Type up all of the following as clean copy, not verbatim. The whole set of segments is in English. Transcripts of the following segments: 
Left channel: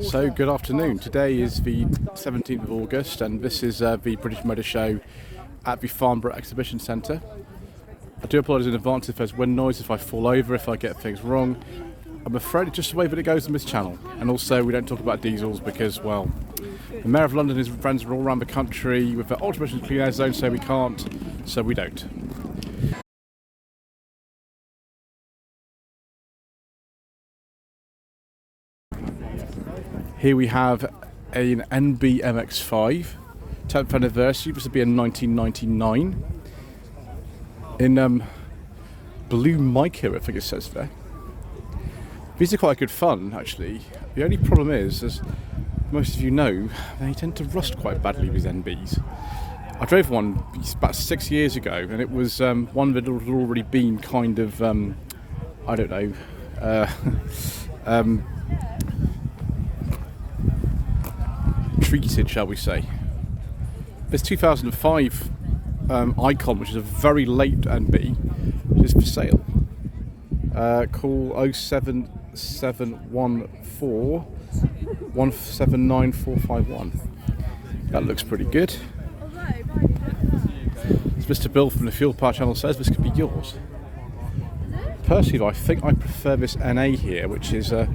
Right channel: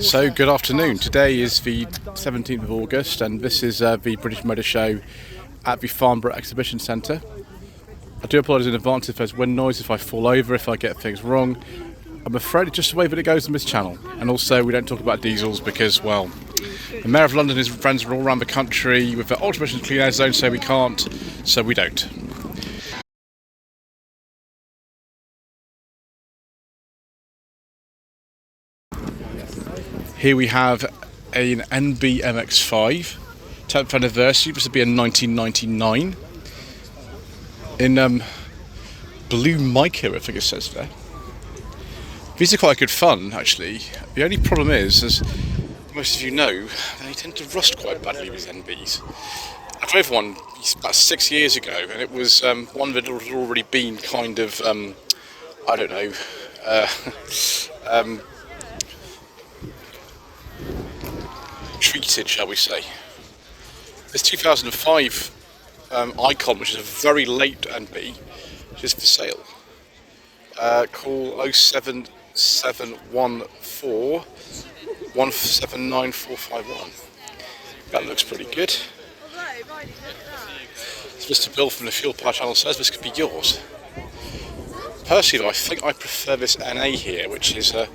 So good afternoon. Today is the 17th of August and this is the British Motor Show at the Farnborough Exhibition Centre. I do apologise in advance if there's wind noise, if I fall over, if I get things wrong. I'm afraid it's just the way that it goes on this channel. And also we don't talk about diesels because, well, the Mayor of London and his friends are all around the country with their ultra-emission clean air zone, so we can't, so we don't. Here we have an BMW MX-5, 10th anniversary. This would be in 1999. In blue mica, I think it says there. These are quite good fun, actually. The only problem is, as most of you know, they tend to rust quite badly, these NBs. I drove one about 6 years ago, and it was one that had already been kind of, I don't know, treated, shall we say. This 2005 Icon, which is a very late NB, is for sale. Call 07714 179451. That looks pretty good. As Mr. Bill from the Fuel Power channel says, this could be yours. Personally, I think I prefer this NA here, which is a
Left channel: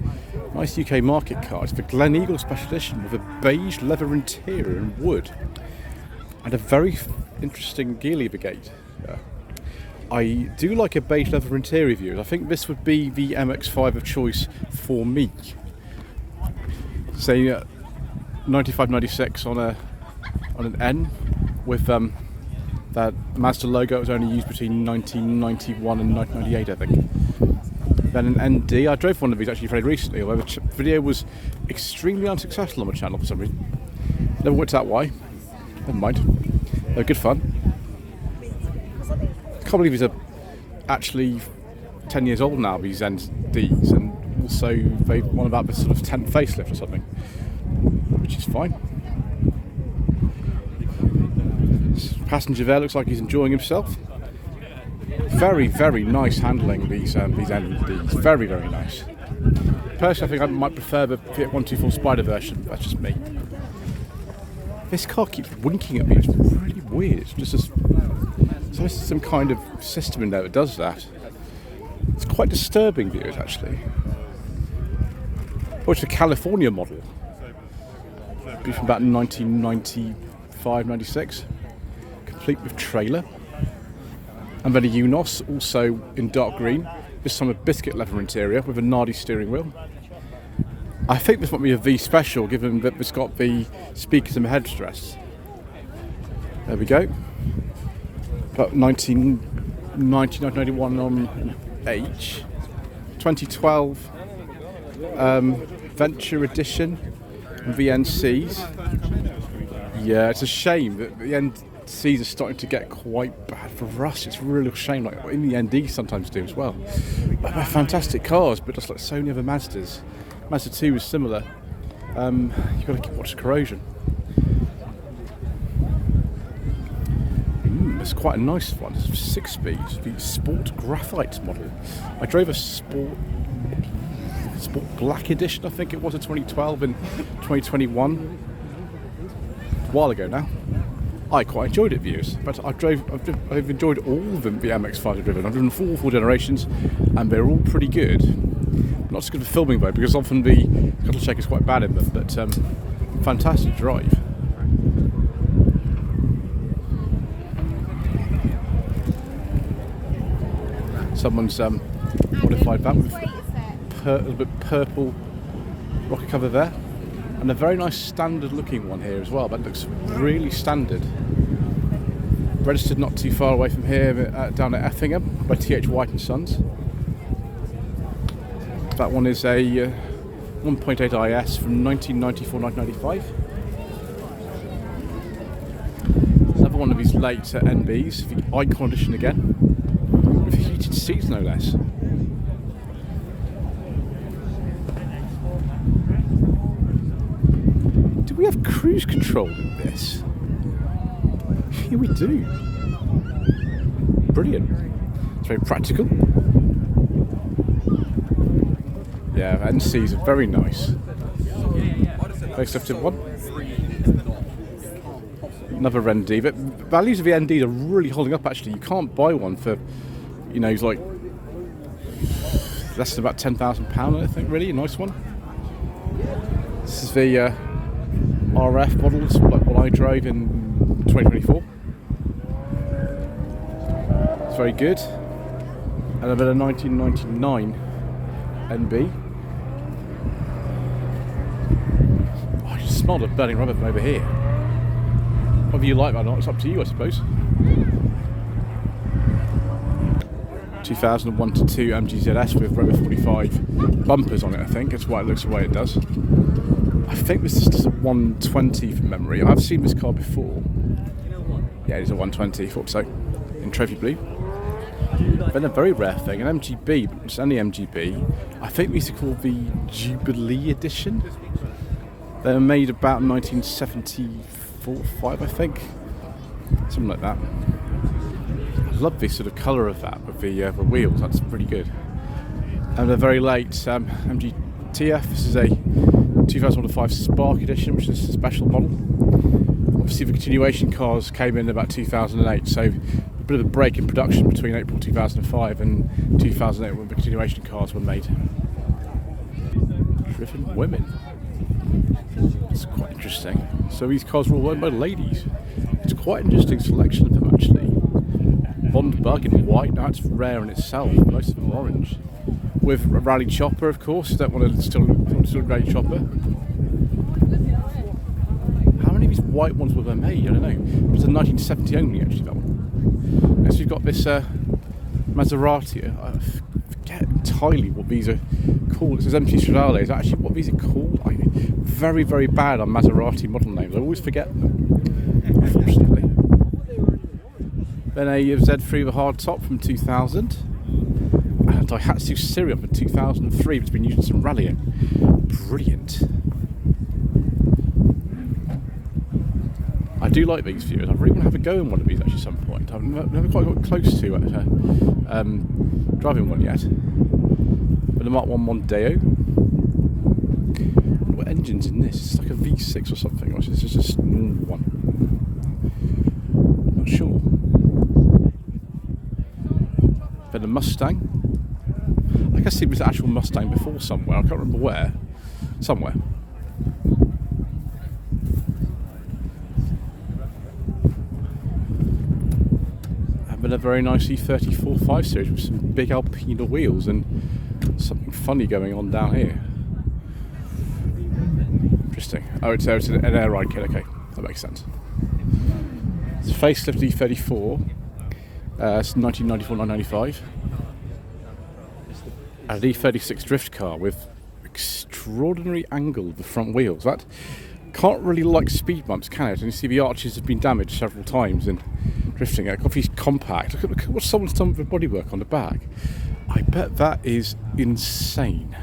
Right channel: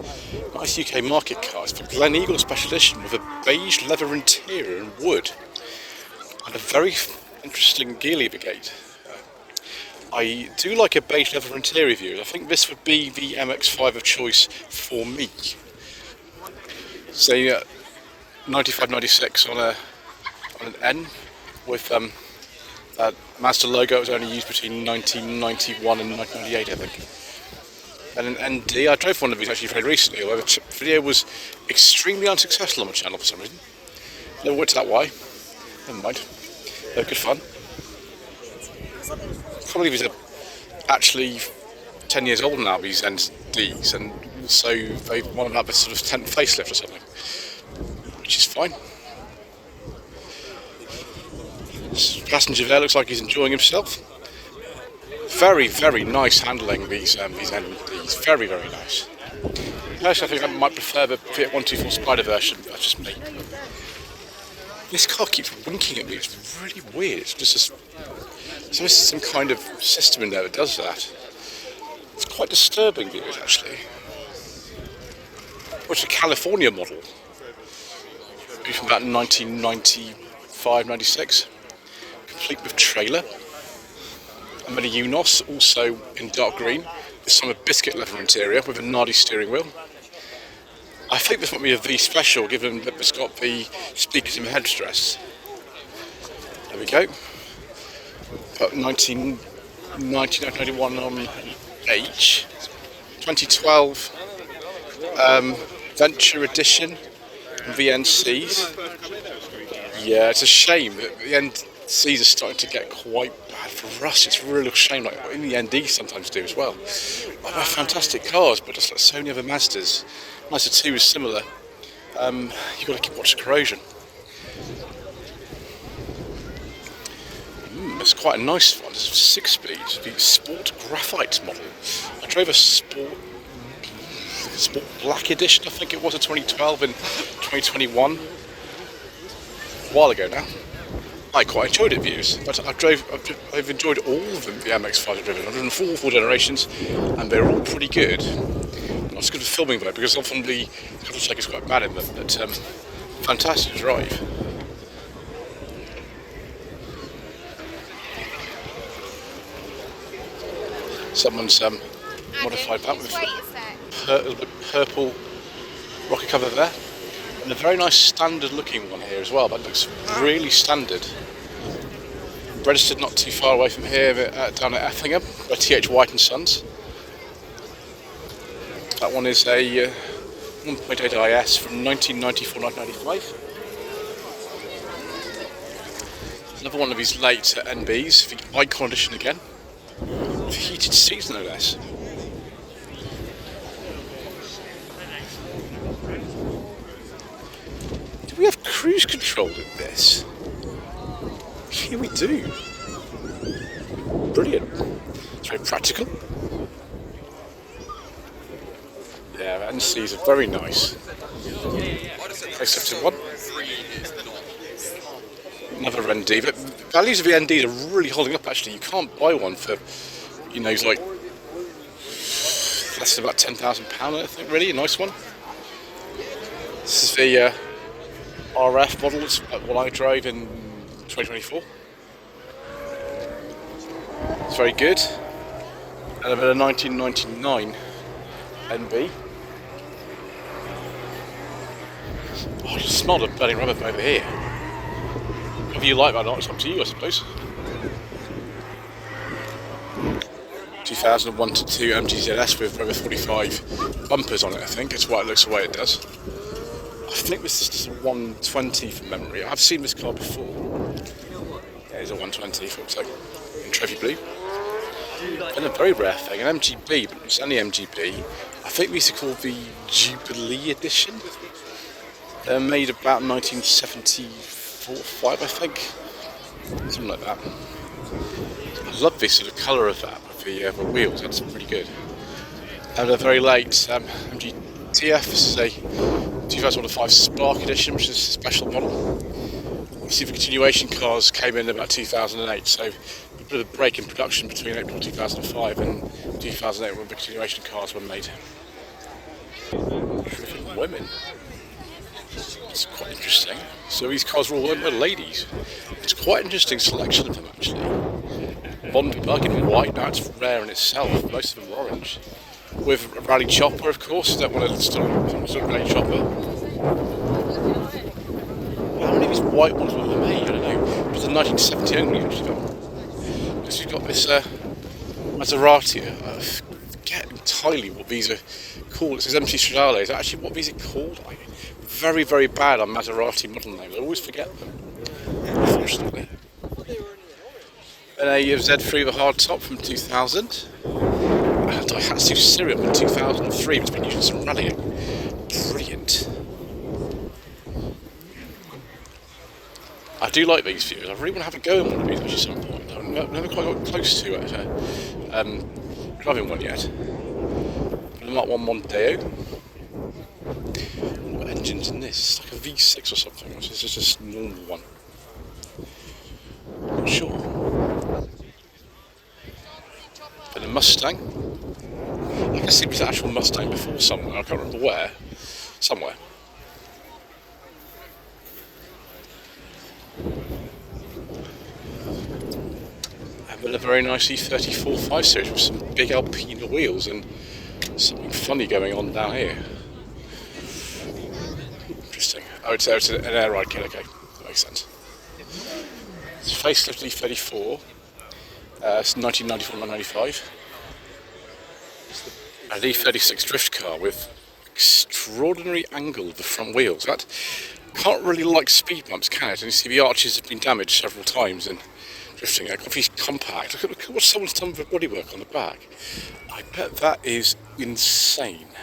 nice UK market car. It's the Glen Eagle Special Edition with a beige leather interior and wood, and a very interesting gear lever gate. I do like a beige leather interior view. I think this would be the MX-5 of choice for me. Say 95-96 on an N with that Mazda logo. Was only used between 1991 and 1998, I think. Then an ND. I drove one of these actually very recently, although the video was extremely unsuccessful on my channel for some reason. Never worked out why. Never mind. They're good fun. I can't believe these are actually 10 years old now, these NDs, and also they want to have a sort of 10th facelift or something, which is fine. Passenger there looks like he's enjoying himself. Very, very nice handling, these NDs. Very, very nice. Personally, I think I might prefer the Fiat 124 Spider version. That's just me. This car keeps winking at me. It's really weird. It's just so there's some kind of system in there that does that. It's quite disturbing views, actually. Oh, it's a California model. Be from about 1995-96. Complete with trailer. And then a Unos, also in dark green. This time a biscuit leather interior with a Nardi steering wheel. I think this might be a V special, given that it's got the speakers and the headrests. There we go. About 1991 on an H. 2012 Venture Edition and VNCs. Yeah, it's a shame that the NCs are starting to get quite bad for rust. It's a real shame, like in the NDs sometimes do as well. But they're fantastic cars, but just like so many other Mazdas. Mazda 2 is similar. You've got to keep watching corrosion. It's quite a nice one. It's a 6-speed, the Sport Graphite model. I drove a Sport Black Edition, I think it was, a 2012 and 2021. A while ago now. I quite enjoyed it, views, but I've enjoyed all of them, the MX-5 I've driven. I've driven four generations, and they're all pretty good. Not as good for filming though, because often the throttle check is quite bad in them, but fantastic to drive. Someone's modified that with a little bit purple rocket cover there. And a very nice standard looking one here as well. That looks really standard. Registered not too far away from here, down at Effingham by TH White and Sons. That one is a 1.8 IS from 1994-1995. Another one of these late NBs, the Icon Edition again, with heated seats no less. Do we have cruise control in this? Here we do. Brilliant. It's very practical. Yeah, NCs are very nice. Facelifted one. Another ND, but values of the NDs are really holding up actually. You can't buy one for, you know, it's like less than about £10,000 I think, really, a nice one. This is the RF model, it's like what I drove in 2024. It's very good. And I've got a 1999 NB. Oh, I just smelled a burning rubber from over here. Whether you like that or not, it's up to you, I suppose. 2001 to 2 MGZS with Rover 45 bumpers on it, I think. It's why it looks the way it does. I think this is just a 120 from memory. I've seen this car before. Yeah, it's a 120, thought so. In trophy blue. Then a very rare thing, an MGB, but it's only MGB. I think these are called the Jubilee Edition. They're made about 1974-5, I think. Something like that. I love this sort of colour of that with the wheels, that's pretty good. And a very late MGTF, this is a 2005 Spark Edition, which is a special model. Obviously the continuation cars came in about 2008, so a bit of a break in production between April 2005 and 2008 when the continuation cars were made. Driven women. It's quite interesting. So these cars were all owned by ladies. It's quite an interesting selection of them actually. Bond bug in white, now it's rare in itself, most of them are orange. With a rally chopper, of course, you don't want to still some sort of rally chopper. How many of these white ones were made? I don't know. It was a 1970 only actually though. Next we've got this Maserati. I forget entirely what these are called. It says MC Stradale. Is that actually what these are called? Very, very bad on Maserati model names. I always forget them, unfortunately. Then a Z3 with a hard top from 2000. And a Daihatsu Syriot from 2003, which has been used in some rallying. Brilliant. I do like these views. I really want to have a go in one of these actually at some point. I've never quite got close to it, driving one yet. But the Mark 1 Mondeo. What engine's in this? It's like a V6 or something. Or is this just a normal one? Not sure. Then a Mustang. I can see this actual Mustang before somewhere. I can't remember where. Somewhere. And then a very nice E34 5 Series with some big Alpina wheels and something funny going on down here. Interesting. Oh, it's an air ride kit. Okay, that makes sense. It's a facelift E34. It's 1994-1995. An E36 drift car with extraordinary angle of the front wheels. That can't really like speed bumps, can it? And you see the arches have been damaged several times in drifting. It's compact. Look at what someone's done with the bodywork on the back. I bet that is insane.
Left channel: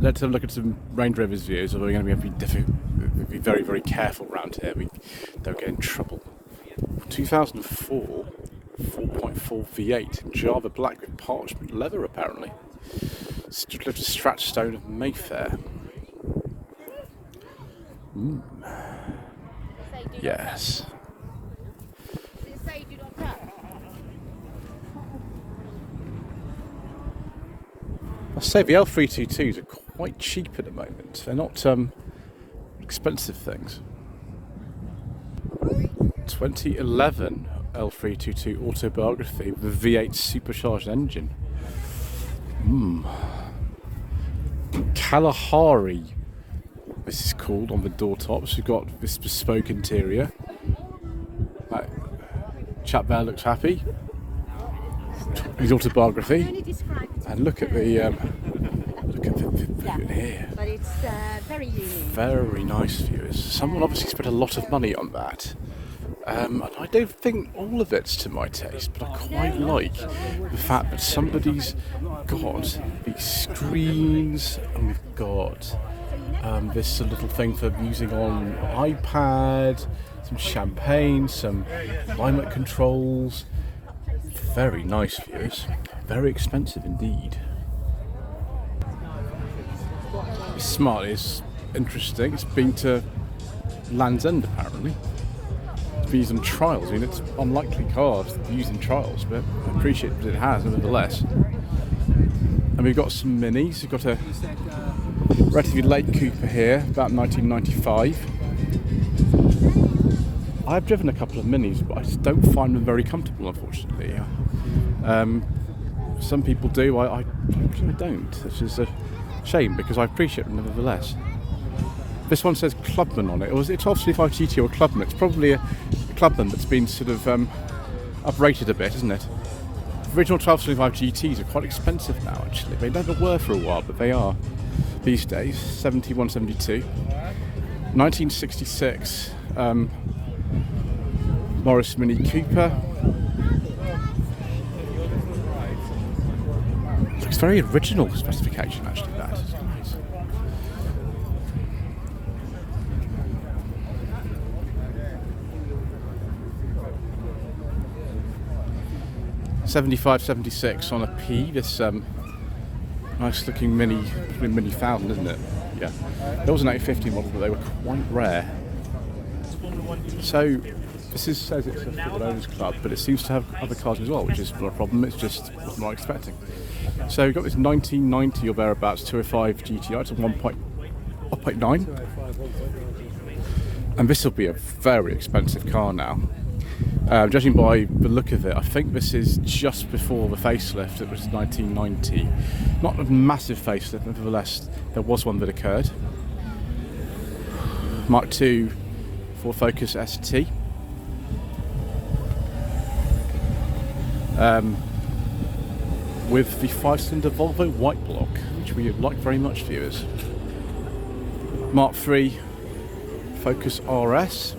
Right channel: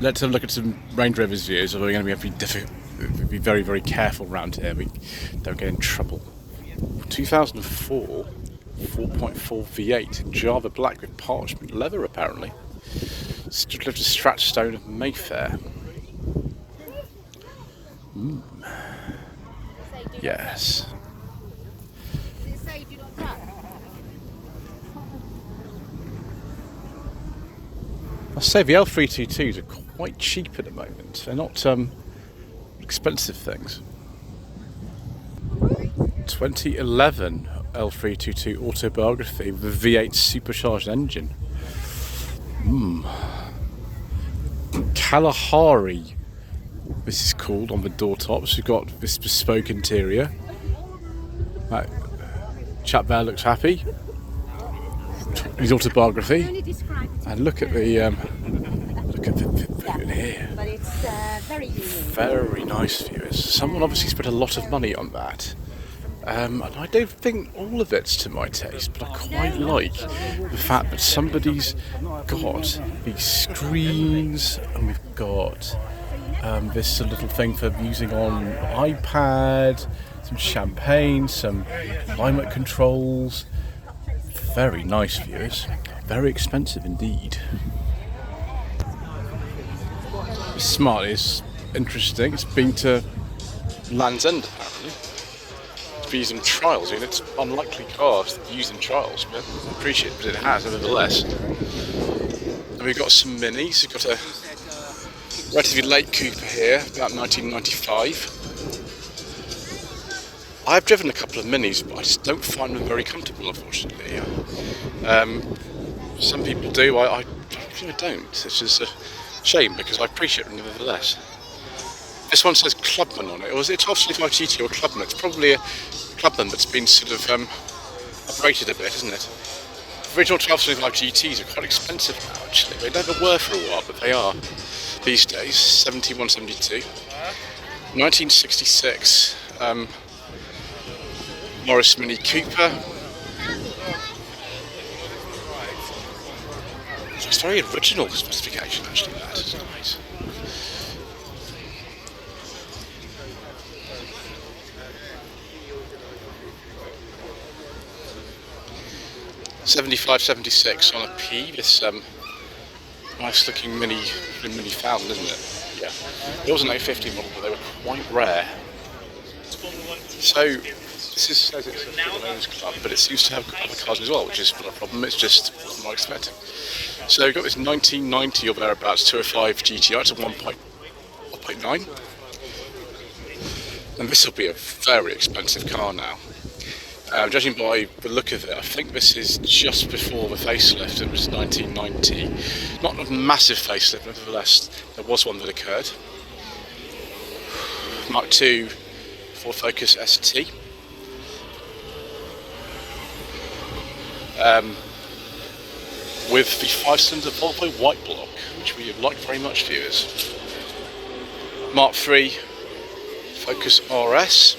Let's have a look at some Range Rover's views, although we're going to have to be very, very careful around here. We don't get in trouble. 2004, 4.4 V8 in Java Black with parchment leather, apparently. Stood left to Stratstone of Mayfair. Yes. I say the L322s are quite cheap at the moment. They're not expensive things. 2011 L322 autobiography with a V8 supercharged engine. Kalahari, this is called on the door tops. We've got this bespoke interior. That chap there looks happy. His autobiography. And look at the view in here. Very nice view. Someone obviously spent a lot of money on that. And I don't think all of it's to my taste, but I quite like the fact that somebody's got these screens and we've got This is a little thing for using on iPad, some champagne, some climate controls. Very nice, viewers. Very expensive indeed. It's smart, it's interesting. It's been to Land's End apparently. It's been used in trials. I mean, it's unlikely cars to be used in trials, but I appreciate that it has nevertheless. And we've got some minis. We've got a relatively late Cooper here, about 1995. I've driven a couple of minis, but I just don't find them very comfortable, unfortunately. Some people do, I don't. It's just a shame because I appreciate them nevertheless. This one says Clubman on it. Or is it a 1275 GT or a Clubman? It's probably a Clubman that's been sort of uprated a bit, isn't it? Original 1275 GTs are quite expensive now, actually. They never were for a while, but they are these days. 71, 72. 1966 Morris Mini Cooper. It's very original specification, actually. That is nice. '75, '76 on a P. This nice looking mini Falcon, isn't it? Yeah. There was an 850 model, but they were quite rare. So this says it's a Football Owners Club, but it seems to have other cars as well, which is not a problem. It's just wasn't what I was expecting. So we've got this 1990 or thereabouts 205 GTI. It's a 1.9, and this will be a very expensive car now. Judging by the look of it, I think this is just before the facelift. It was 1990. Not a massive facelift, nevertheless, there was one that occurred. Mark II Ford Focus ST. With the 5-cylinder Volvo white block, which we like very much, viewers. Mark III Focus RS.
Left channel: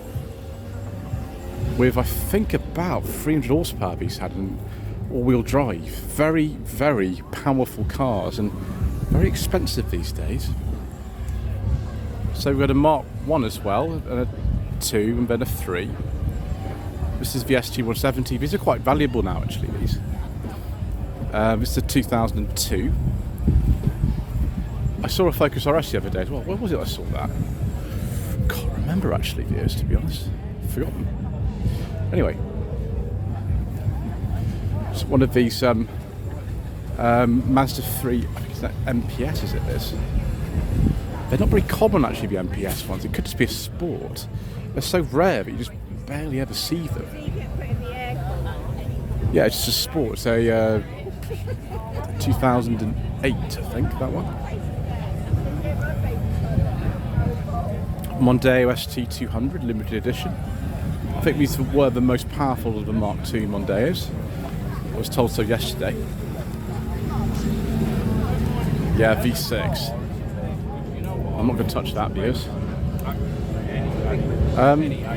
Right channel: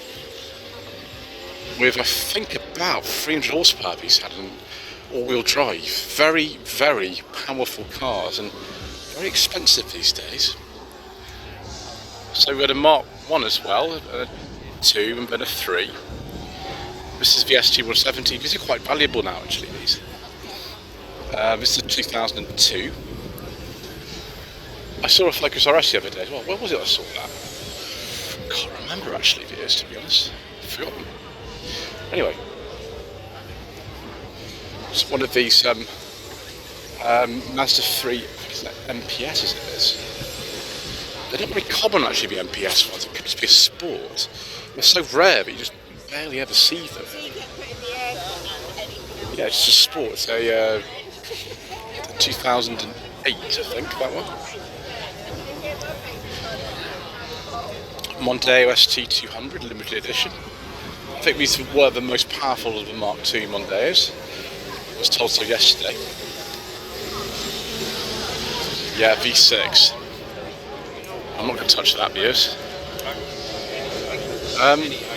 With, I think, about 300 horsepower these had in all-wheel drive. Very, very powerful cars and very expensive these days. So we've got a Mark I as well, a 2 and then a 3. This is the ST170. These are quite valuable now, actually, these. This is a 2002. I saw a Focus RS the other day as well. Where was it I saw that? I can't remember, actually, viewers, to be honest. I've forgotten. Anyway, it's one of these Mazda 3, I think it's that MPS, is it this? They're not very common, actually, the MPS ones. It could just be a sport. They're so rare that you just barely ever see them. Yeah, it's just a sport. It's a 2008, I think, that one. Mondeo ST200 limited edition. I think these were the most powerful of the Mark II Mondeos. I was told so yesterday. Yeah, V6. I'm not going to touch that, viewers.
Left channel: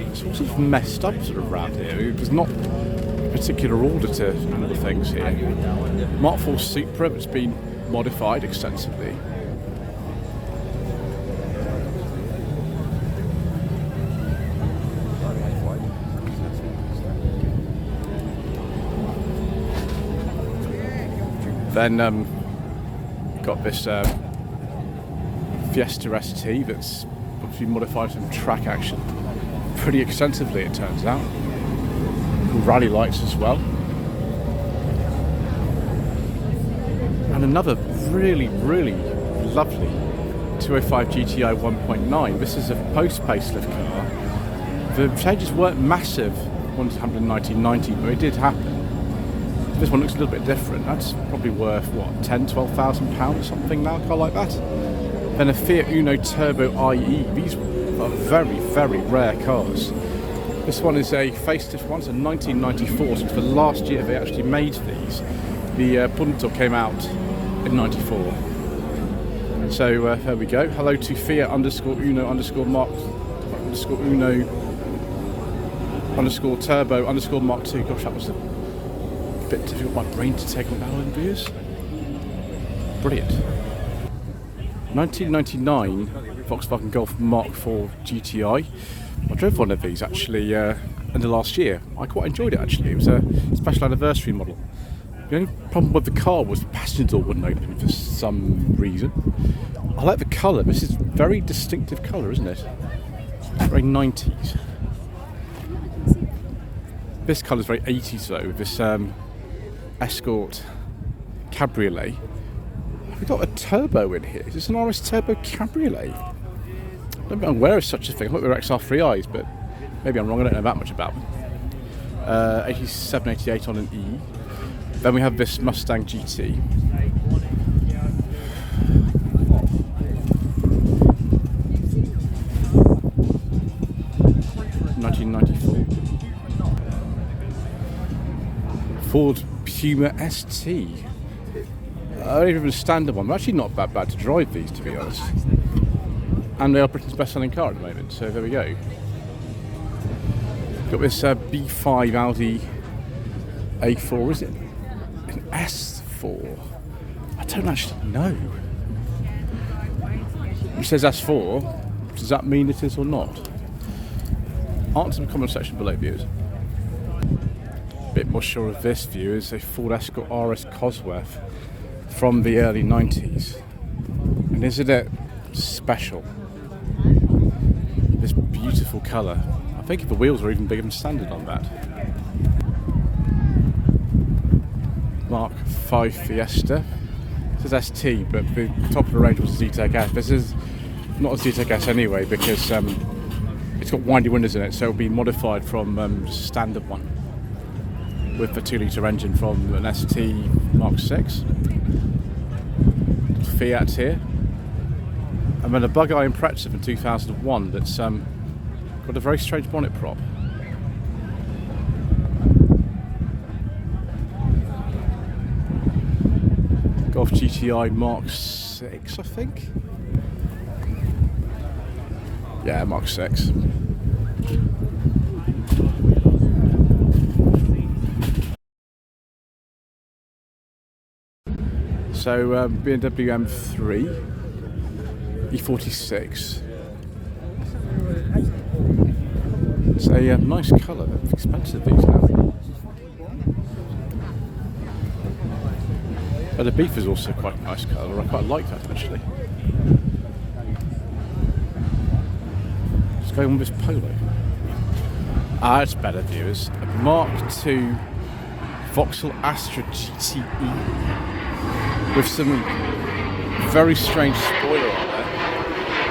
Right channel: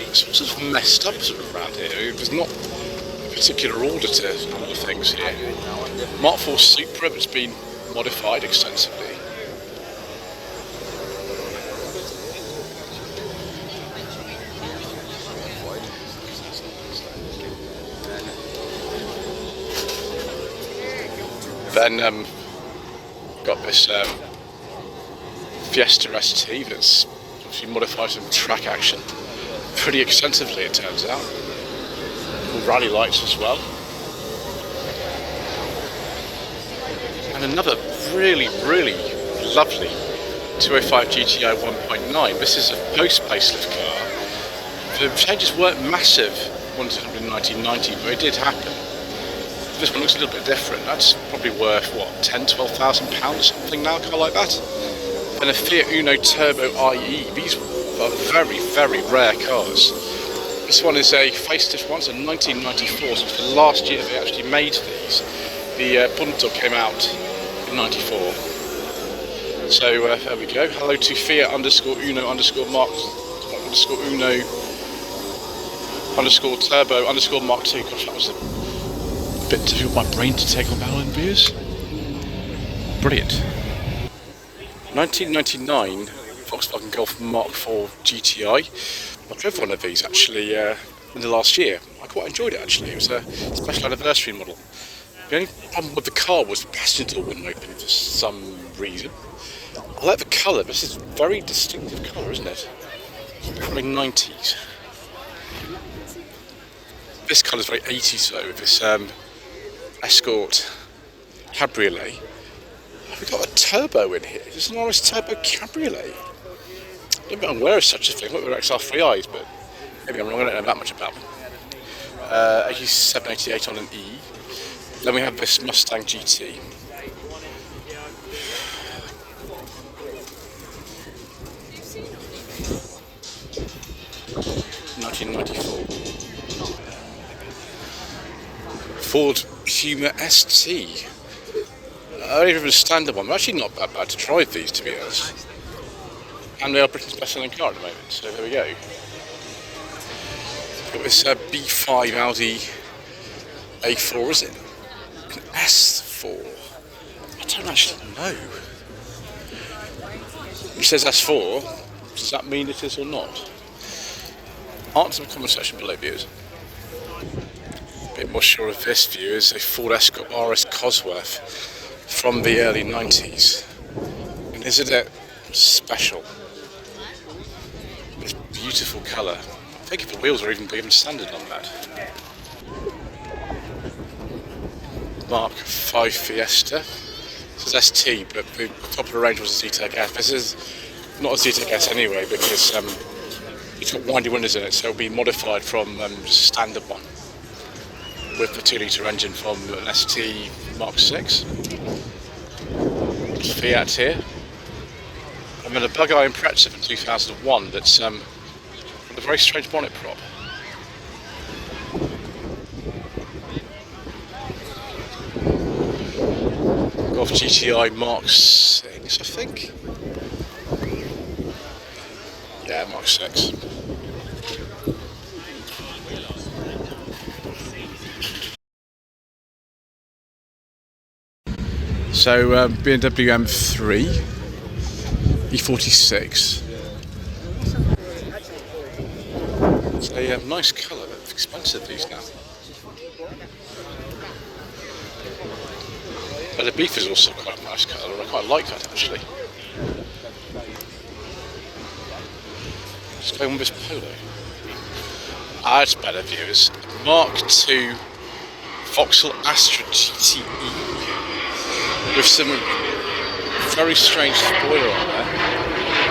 It's all sort of messed up sort of around here. There's not a particular order to all the things here. Mark IV Supra, it's been modified extensively. Then got this Fiesta ST that's obviously modified some track action pretty extensively, it turns out, with rally lights as well. And another really, really lovely 205 GTI 1.9. This is a post-facelift car. The changes weren't massive once 1990, but it did happen. This one looks a little bit different. That's probably worth, what, £10,000-12,000 or something now, a car like that? Then a Fiat Uno Turbo IE. These are very, very rare cars. This one is a facelift one, so 1994, so it's the last year they actually made these. The Punto came out in 94. So there we go. Hello to Fiat _Uno _Mark _Uno _Turbo _Mark II. Gosh, that was a bit difficult for my brain to take on Ballon views. Brilliant. 1999 Volkswagen Golf Mark IV GTI. I drove one of these actually in the last year. I quite enjoyed it actually. It was a special anniversary model. The only problem with the car was the passenger door wouldn't open for some reason. I like the colour. This is a very distinctive colour, isn't it? Very 90s. This colour is very 80s though, with this Escort Cabriolet. We've got a turbo in here. Is this an RS Turbo Cabriolet? I don't think I'm aware of such a thing. I thought they were XR3Is, but maybe I'm wrong. I don't know that much about them. 87, 88 on an E. Then we have this Mustang GT. (1994). Ford Puma ST. Only even a standard one. They're actually not that bad to drive these, to be honest. And they are Britain's best-selling car at the moment. So there we go. Got this B5 Audi A4, is it? An S4? I don't actually know. He says S4. Does that mean it is or not? Answer in the comment section below, viewers. A bit more sure of this view is a Ford Escort RS Cosworth from the early 90s. And isn't it special? This beautiful colour. I think if the wheels are even bigger than standard on that. Mark 5 Fiesta. This is ST, but the top of the range was a Z-Tech S. This is not a Z-Tech S anyway, because it's got windy windows in it, so it'll be modified from just a standard one with the 2-litre engine from an ST Mark 6. Fiat here. And then a Bug-Eye Impreza from 2001 that's got a very strange bonnet prop. Golf GTI Mark 6, I think. Yeah, Mark 6. So BMW M3 E46. It's a nice colour, but it's expensive these now. But the Beef is also quite a nice colour. I quite like that actually. Let's go on with this Polo. It's better, viewers. Mark II Vauxhall Astra GTE. With some very strange spoiler on there.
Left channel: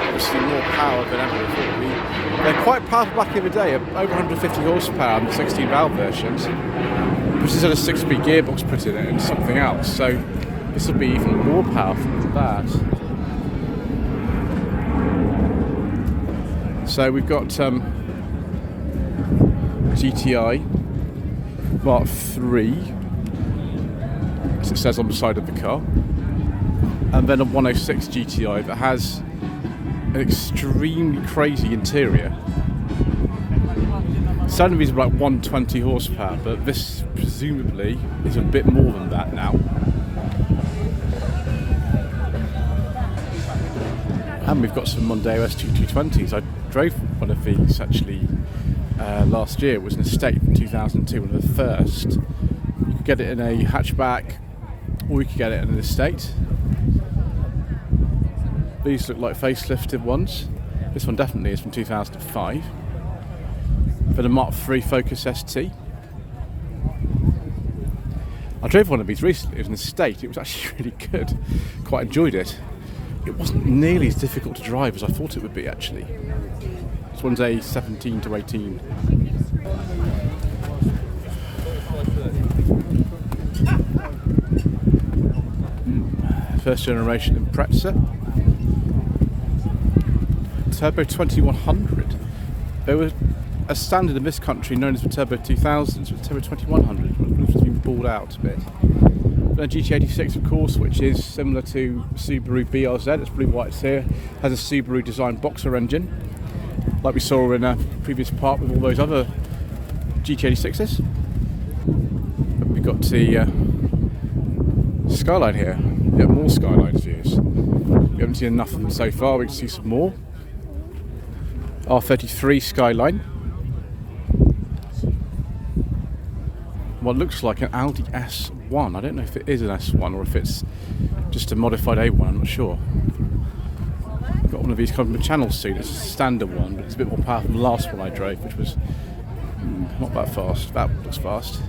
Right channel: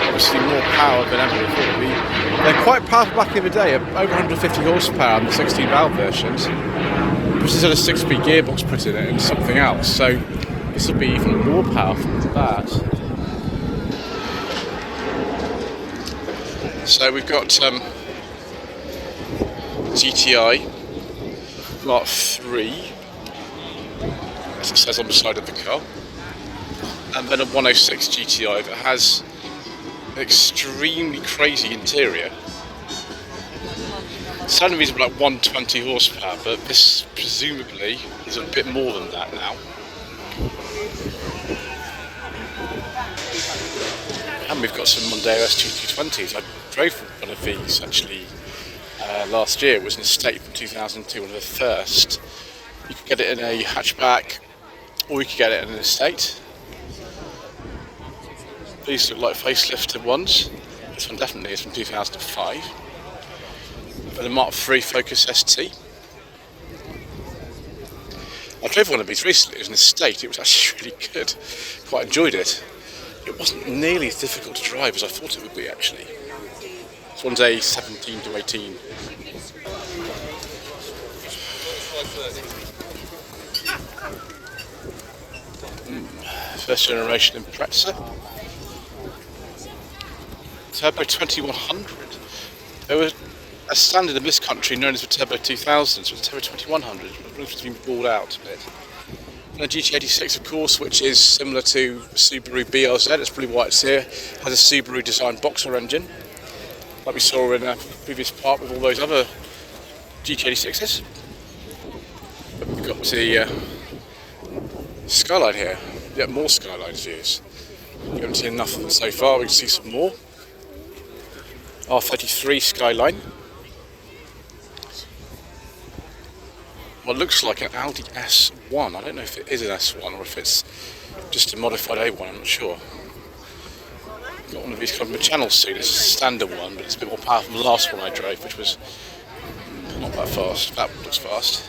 Obviously more power than ever before. They're quite powerful back in the day, over 150 horsepower on the 16 valve versions. This has had a 6-speed gearbox put in it and something else, so this will be even more powerful than that. So we've got GTI Mark III, as it says on the side of the car, and then a 106 GTI that has an extremely crazy interior. Standard is like 120 horsepower, but this presumably is a bit more than that now. And we've got some Mondeo S2220s. I drove one of these actually last year. It was an estate from 2002, one of the first. You could get it in a hatchback, or you could get it in an estate. These look like facelifted ones. This one definitely is from 2005. For the Mark III Focus ST. I drove one of these recently. It was an estate. It was actually really good. Quite enjoyed it. It wasn't nearly as difficult to drive as I thought it would be actually. This one's a 17 to 18. First generation Impreza. Turbo 2100. There was a standard in this country known as the Turbo 2000, so it's Turbo 2100, which has been balled out a bit. Then a GT86, of course, which is similar to Subaru BRZ. That's probably why it's here. Has a Subaru designed boxer engine, like we saw in a previous part with all those other GT86s. But we've got the Skyline here. Yeah, more Skyline views. We haven't seen enough of them so far. We can see some more. R33 Skyline. What looks like an Audi S1. I don't know if it is an S1 or if it's just a modified A1, I'm not sure. I've got one of these kind of channel seat. It's a standard one, but it's a bit more powerful than the last one I drove, which was not that fast. That looks fast.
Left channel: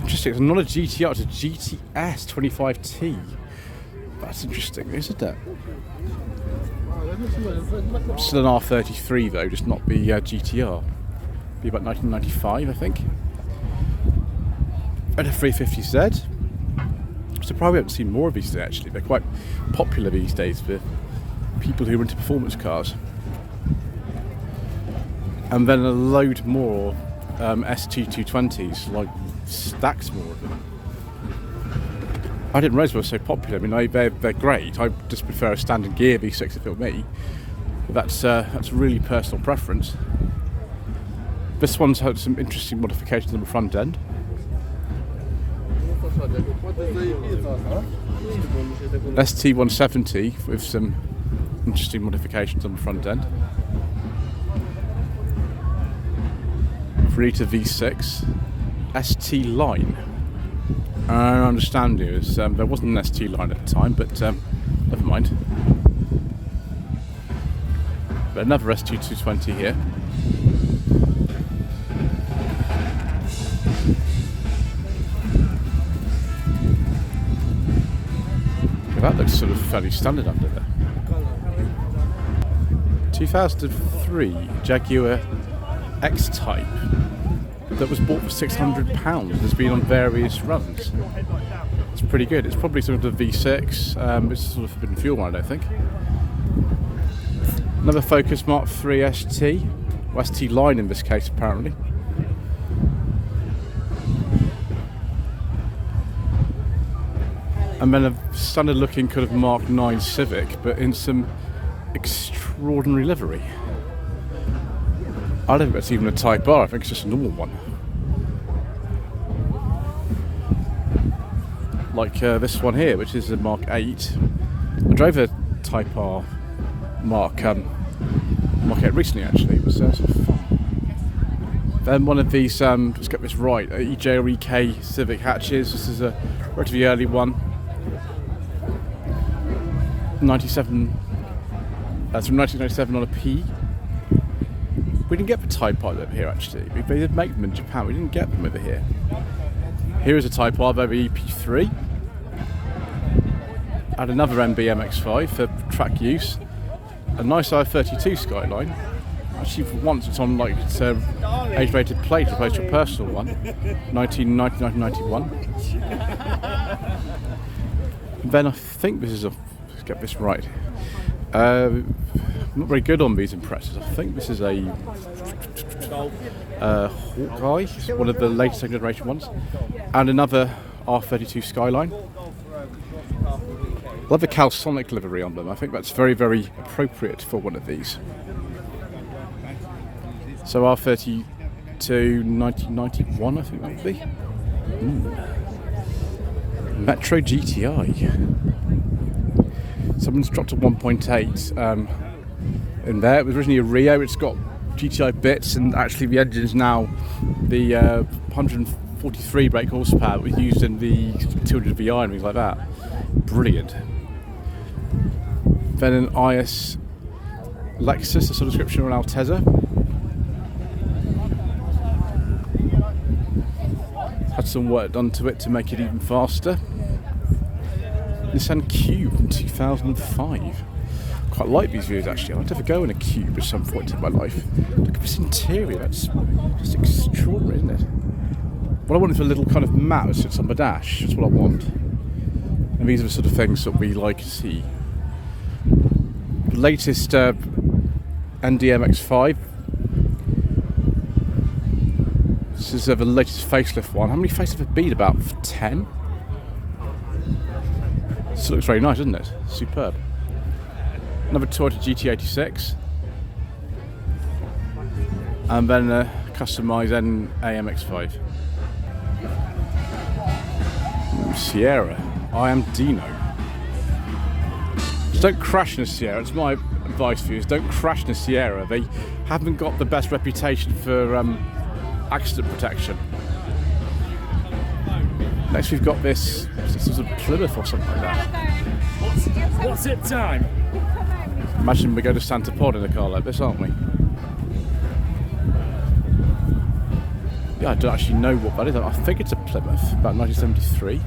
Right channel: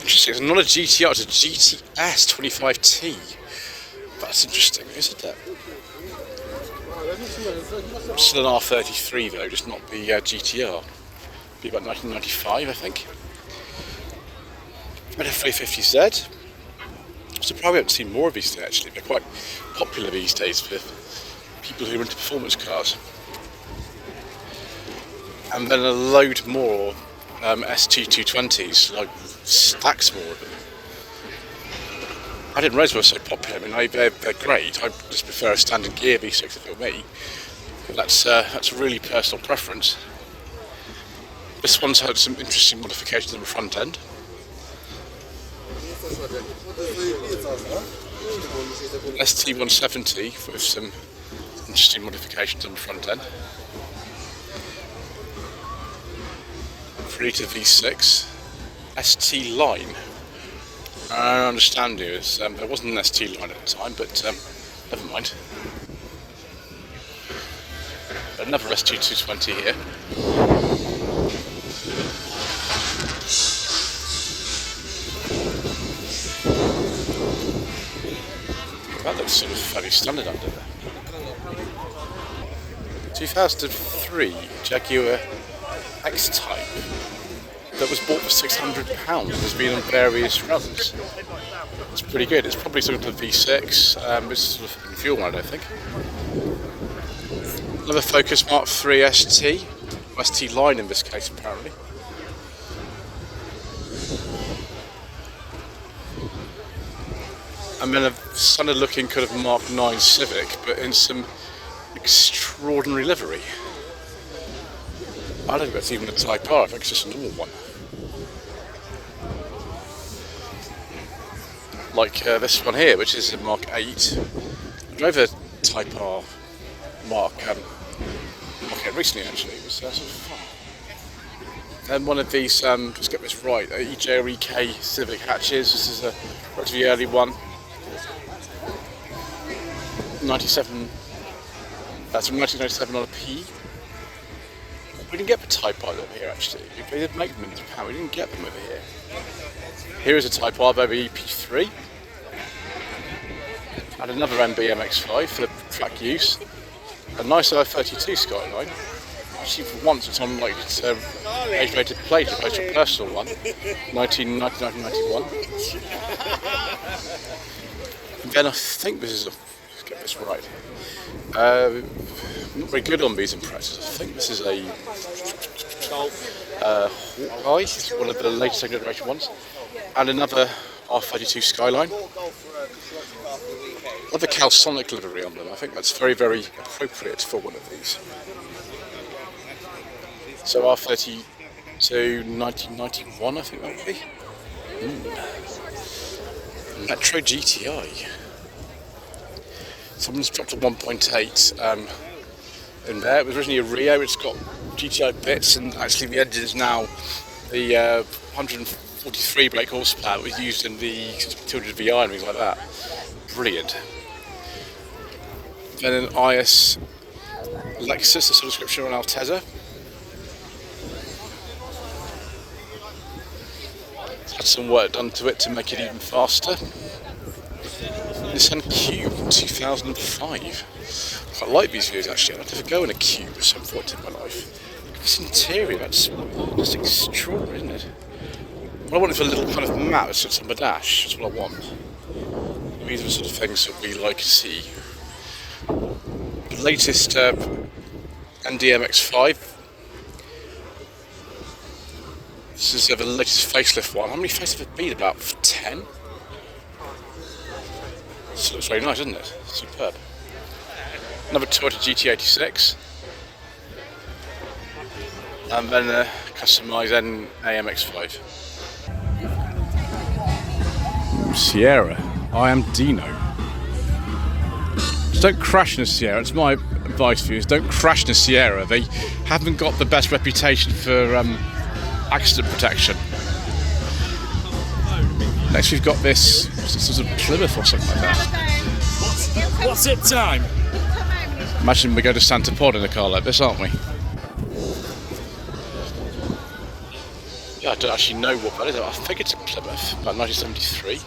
Interesting, it's not a GTR, it's a GTS 25T. That's interesting, isn't it? Still an R33 though, just not the GTR. Be about 1995, I think. And a 350Z. I'm surprised we haven't seen more of these today, actually. They're quite popular these days with people who are into performance cars. And then a load more ST220s, like stacks more of them. I didn't realise they were so popular. I mean, they're great. I just prefer a standard gear V6 if it were me. But that's a really personal preference. This one's had some interesting modifications on the front end. ST170 with some interesting modifications on the front end. 3-litre V6. ST line. I understand you. There wasn't an ST line at the time, but never mind. But another ST220 here. Well, that looks sort of fairly standard under there. 2003 Jaguar X-Type that was bought for £600. Has been on various runs. It's pretty good. It's probably sort of a V6. It's sort of been fuel one, I don't think. Another Focus Mark III ST. Well, ST line in this case, apparently. And then a standard looking kind of Mark IX Civic, but in some extraordinary livery. I don't think that's even a Type R, I think it's just a normal one. Like this one here, which is a Mark 8. I drove a Type R Mark 8 recently actually, it was sort of fun. Then one of these, let's get this right, EJ or EK Civic hatches. This is a relatively early one. 97, that's from 1997 on a P. We didn't get the Type R over here actually. They did make them in Japan, we didn't get them over here. Here is a Type R over EP3. And another MX-5 for track use. A nice R32 Skyline. Actually for once it's on like it's a age-rated plate as opposed to a personal one. 1991. And then I think this is a, let's get this right. I'm not very good on these impressions. I think this is a Hawkeye, it's one of the latest generation ones, and another R32 Skyline. I love the Calsonic livery on them. I think that's very, very appropriate for one of these. So R32 1991, I think that would be. Metro GTI. Someone's dropped a 1.8 in there. It was originally a Rio. It's got GTI bits, and actually the engine's now the 143 brake horsepower that was used in the 200 VI and things like that. Brilliant. Then an IS Lexus, a sort of description on Altezza. Had some work done to it to make it even faster. Nissan Cube from 2005. Quite like these views actually. I'd like to go in a Cube at some point in my life. Look at this interior, that's just extraordinary, isn't it? What I want is a little kind of mat that sits on the dash. That's what I want. And these are the sort of things that we like to see. The latest MX-5. This is the latest facelift one. How many facelifts have there been? About 10? This looks very nice, doesn't it? Superb. Another Toyota GT86. And then a customised MX-5. Sierra. I am Dino. Just don't crash in a Sierra. It's my advice for you is don't crash in a Sierra. They haven't got the best reputation for accident protection. Next we've got this sort of Plymouth or something like that. What's it time? Imagine we go to Santa Pod in a car like this, aren't we? Yeah, I don't actually know what that is. I think it's a Plymouth, about 1973.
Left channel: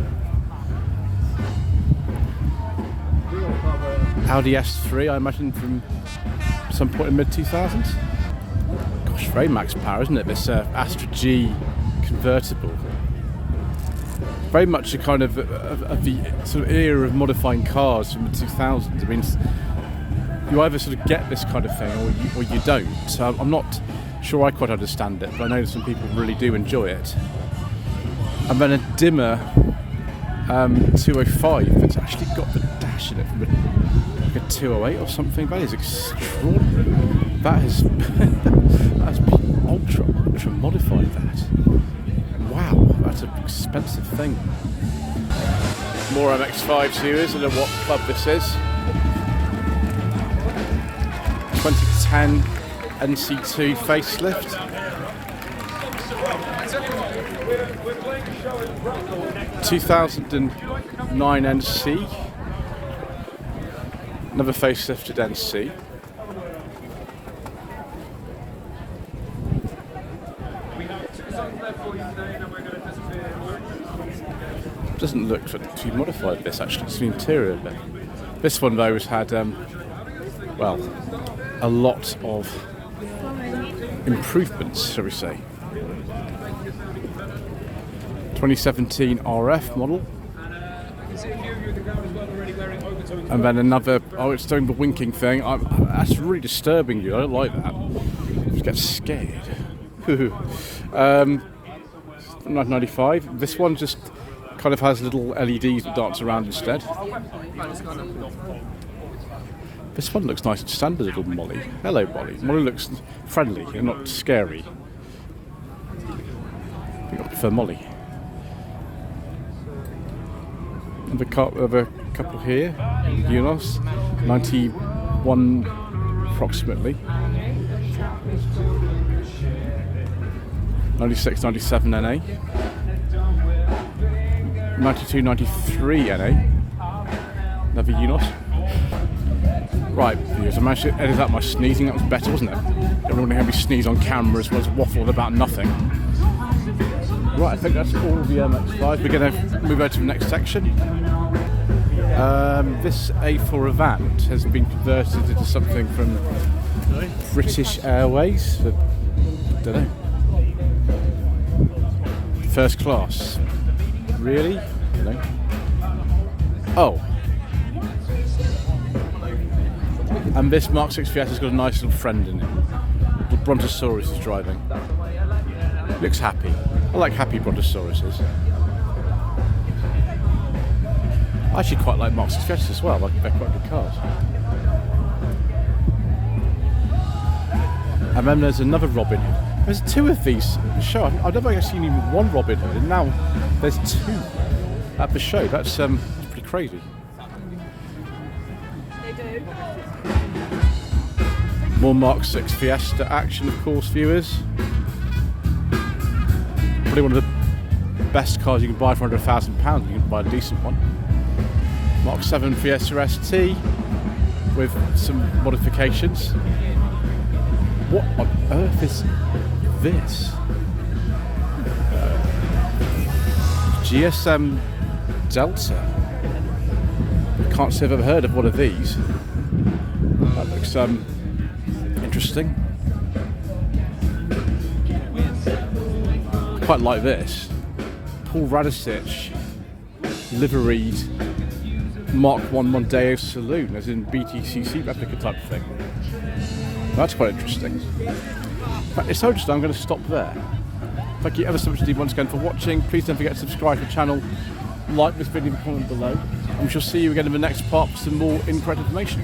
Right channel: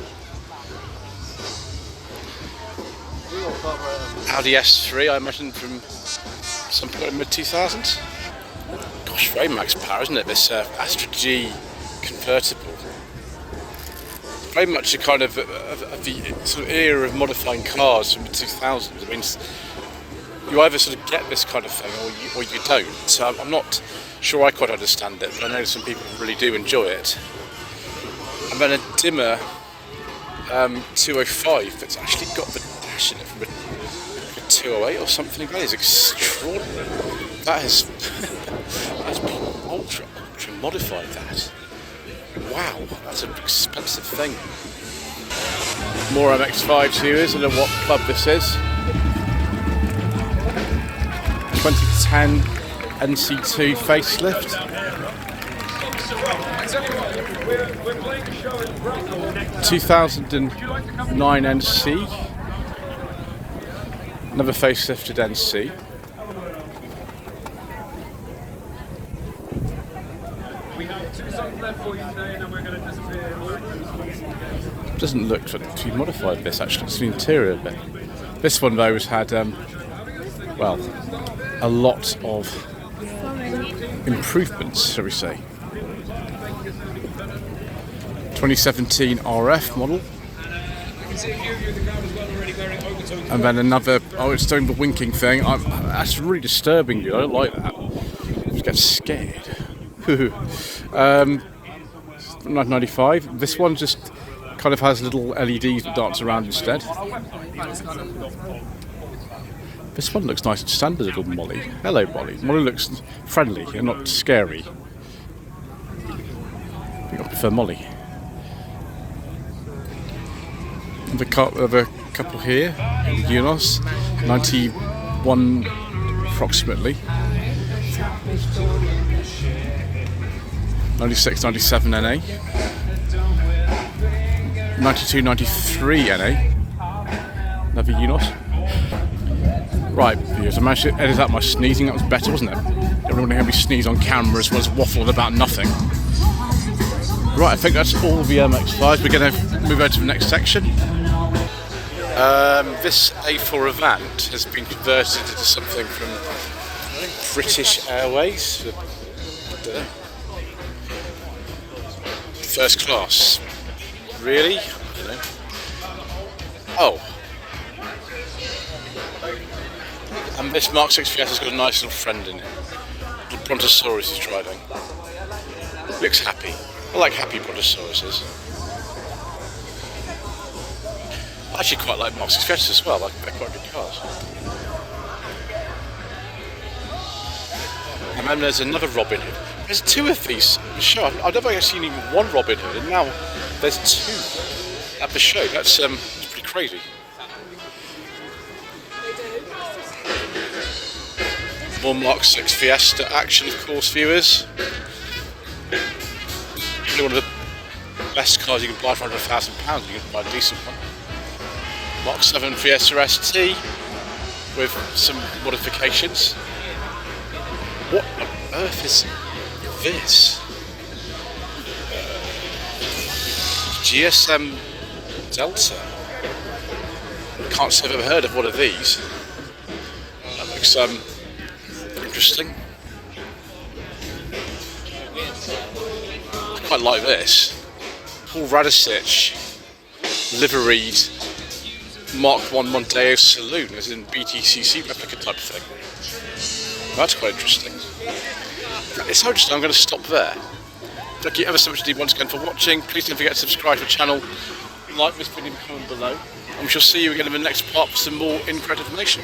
Audi S3, I imagine from some point in mid-2000s. Gosh, very max power, isn't it? This Astra G convertible. Very much a kind of the sort of era of modifying cars from the 2000s. I mean, you either sort of get this kind of thing or you don't. So I'm not sure I quite understand it, but I know some people really do enjoy it. And then a dimmer 205 that's actually got the dash in it from a 208 or something. That is extraordinary. That has that's been ultra modified. That. Wow, that's an expensive thing. More MX-5 viewers. I don't know what club this is. 2010 NC2 facelift. – 2009 NC. Another facelifted NC. Doesn't look too modified, this actually. It's the interior bit. This one though has had well, a lot of improvements, shall we say. 2017 RF model. And then another, oh, it's doing the winking thing. That's really disturbing you. I don't like that. I just get scared. 1995. This one just kind of has little LEDs that dance around instead. This one looks nice and standard, little Molly. Hello, Molly. Molly looks friendly and not scary. I think I prefer Molly. The couple here, Unos, 91 approximately. 96, 97 NA. 92, 93 NA. Another Unos. Right, viewers, I managed to edit out my sneezing. That was better, wasn't it? Everyone had me sneeze on camera as well as waffled about nothing. Right, I think that's all the MX-5s. We're going to move over to the next section. This A4 Avant has been converted into something from British Airways. I don't know. First class. Really? I don't know. Oh. And this Mark 6 Fiesta has got a nice little friend in it. Little Brontosaurus is driving. Looks happy. I like happy Brontosauruses. I actually quite like Mark 6 Fiestas as well. They're quite good cars. And then there's another Robin Hood. There's two of these at the show. I've never actually seen even one Robin Hood, and now there's two at the show. That's pretty crazy. More Mark 6 Fiesta action, of course, viewers. Probably one of the best cars you can buy for under £1,000. You can buy a decent one. Mark 7 Fiesta ST with some modifications. What on earth is this? GSM Delta. Can't say I've ever heard of one of these. That looks interesting. I quite like this. Paul Radisich liveried Mark 1 Mondeo Saloon, as in BTCC replica type thing. That's quite interesting. In fact, it's so interesting, I'm going to stop there. Thank you ever so much indeed once again for watching. Please don't forget to subscribe to the channel, like this video and comment below, and we shall see you again in the next part for some more in-credit information.